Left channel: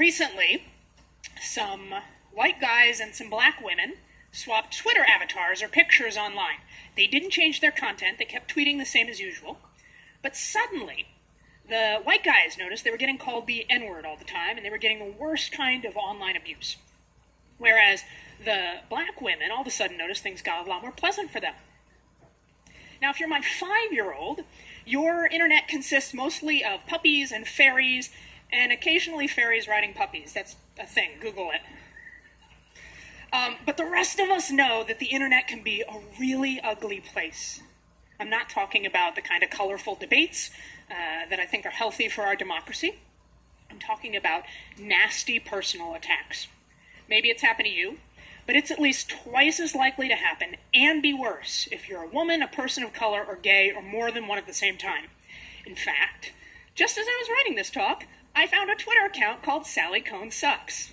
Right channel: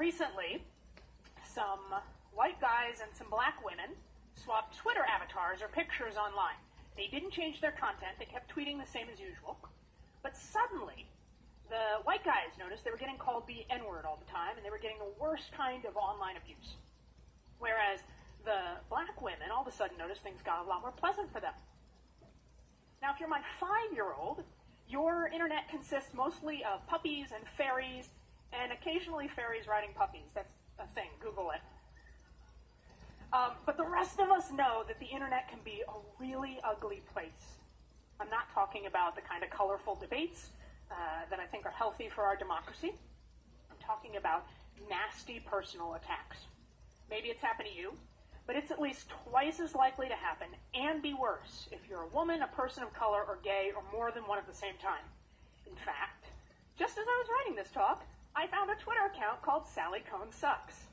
Recently, some white guys and some black women swapped Twitter avatars or pictures online. They didn't change their content, they kept tweeting the same as usual. But suddenly, the white guys noticed they were getting called the N-word all the time, and they were getting the worst kind of online abuse. Whereas the black women all of a sudden noticed things got a lot more pleasant for them. Now, if you're my 5-year-old, your internet consists mostly of puppies and fairies, and occasionally fairies riding puppies. That's a thing. Google it. But the rest of us know that the internet can be a really ugly place. I'm not talking about the kind of colorful debates that I think are healthy for our democracy. I'm talking about nasty personal attacks. Maybe it's happened to you, but it's at least twice as likely to happen and be worse if you're a woman, a person of color, or gay, or more than one at the same time. In fact, just as I was writing this talk, I found a Twitter account called Sally Kohn Sucks.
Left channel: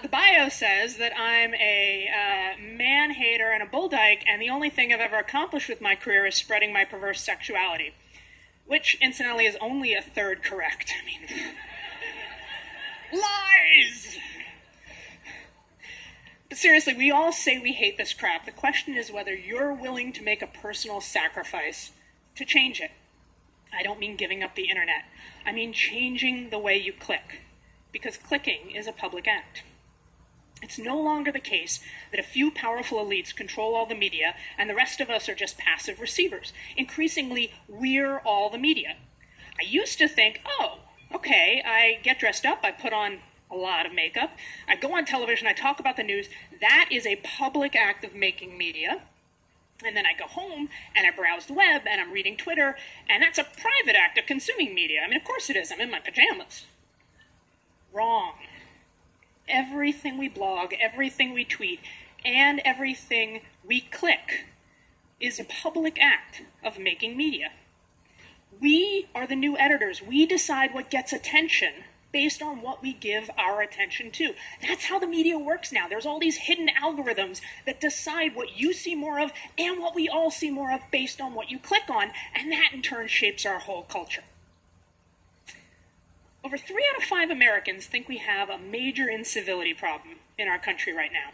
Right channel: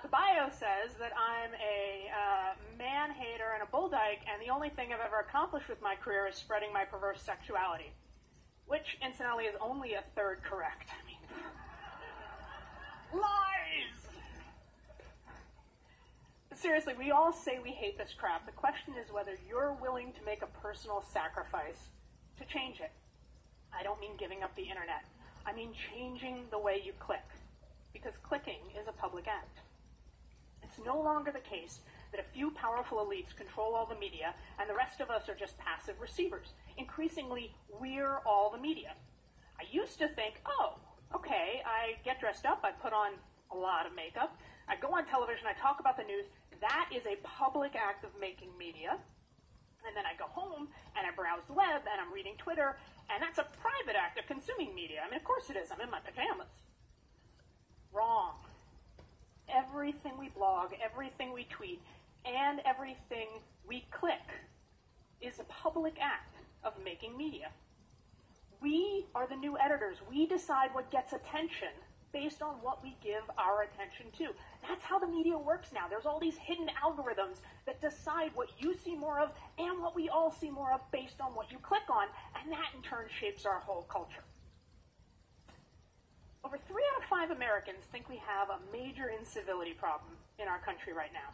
The bio says that I'm a man-hater and a bull dyke, and the only thing I've ever accomplished with my career is spreading my perverse sexuality, which, incidentally, is only a third correct. I mean, lies! But seriously, we all say we hate this crap. The question is whether you're willing to make a personal sacrifice to change it. I don't mean giving up the internet. I mean changing the way you click, because clicking is a public act. It's no longer the case that a few powerful elites control all the media and the rest of us are just passive receivers. Increasingly, we're all the media. I used to think, oh, okay, I get dressed up, I put on a lot of makeup, I go on television, I talk about the news. That is a public act of making media. And then I go home and I browse the web and I'm reading Twitter, and that's a private act of consuming media. I mean, of course it is. I'm in my pajamas. Wrong. Everything we blog, everything we tweet, and everything we click is a public act of making media. We are the new editors. We decide what gets attention based on what we give our attention to. That's how the media works now. There's all these hidden algorithms that decide what you see more of and what we all see more of based on what you click on, and that in turn shapes our whole culture. Over 3 out of 5 Americans think we have a major incivility problem in our country right now.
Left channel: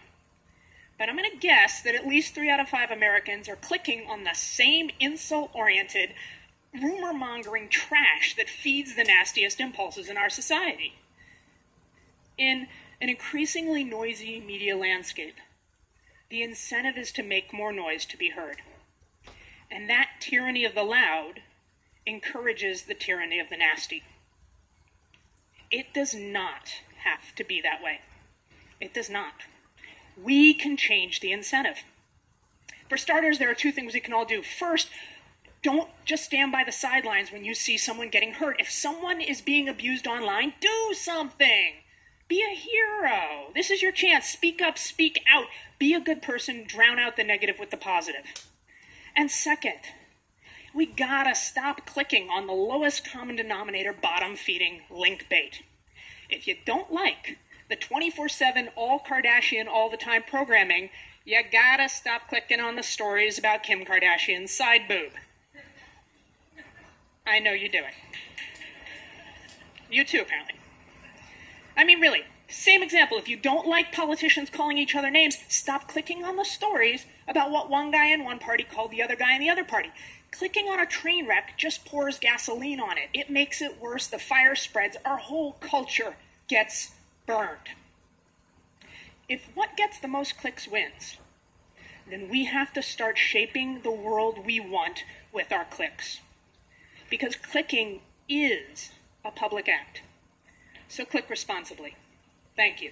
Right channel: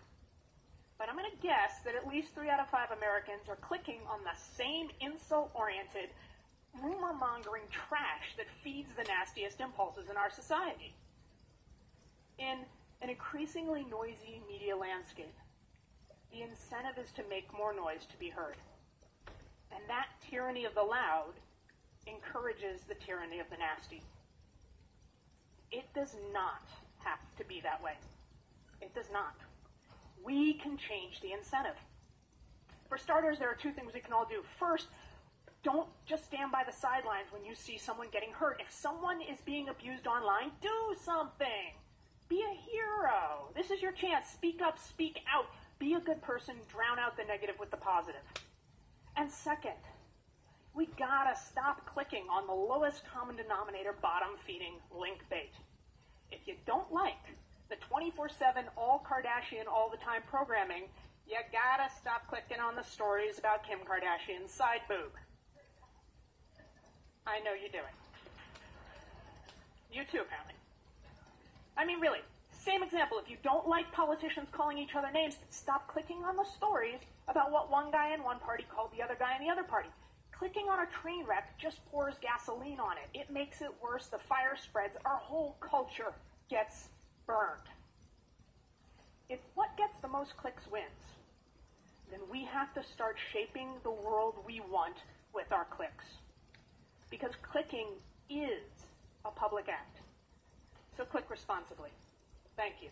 But I'm going to guess that at least 3 out of 5 Americans are clicking on the same insult-oriented, rumor-mongering trash that feeds the nastiest impulses in our society. In an increasingly noisy media landscape, the incentive is to make more noise to be heard. And that tyranny of the loud encourages the tyranny of the nasty. It does not have to be that way. It does not. We can change the incentive. For starters, there are 2 things we can all do. First, don't just stand by the sidelines when you see someone getting hurt. If someone is being abused online, do something. Be a hero. This is your chance. Speak up, speak out. Be a good person. Drown out the negative with the positive. And second, we gotta stop clicking on the lowest common denominator, bottom-feeding link bait. If you don't like the 24/7 all Kardashian all the time programming, you gotta stop clicking on the stories about Kim Kardashian's side boob. I know you do it. You too, apparently. I mean, really, same example. If you don't like politicians calling each other names, stop clicking on the stories about what one guy in one party called the other guy in the other party. Clicking on a train wreck just pours gasoline on it. It makes it worse. The fire spreads. Our whole culture gets burned. If what gets the most clicks wins, then we have to start shaping the world we want with our clicks. Because clicking is a public act. So click responsibly. Thank you.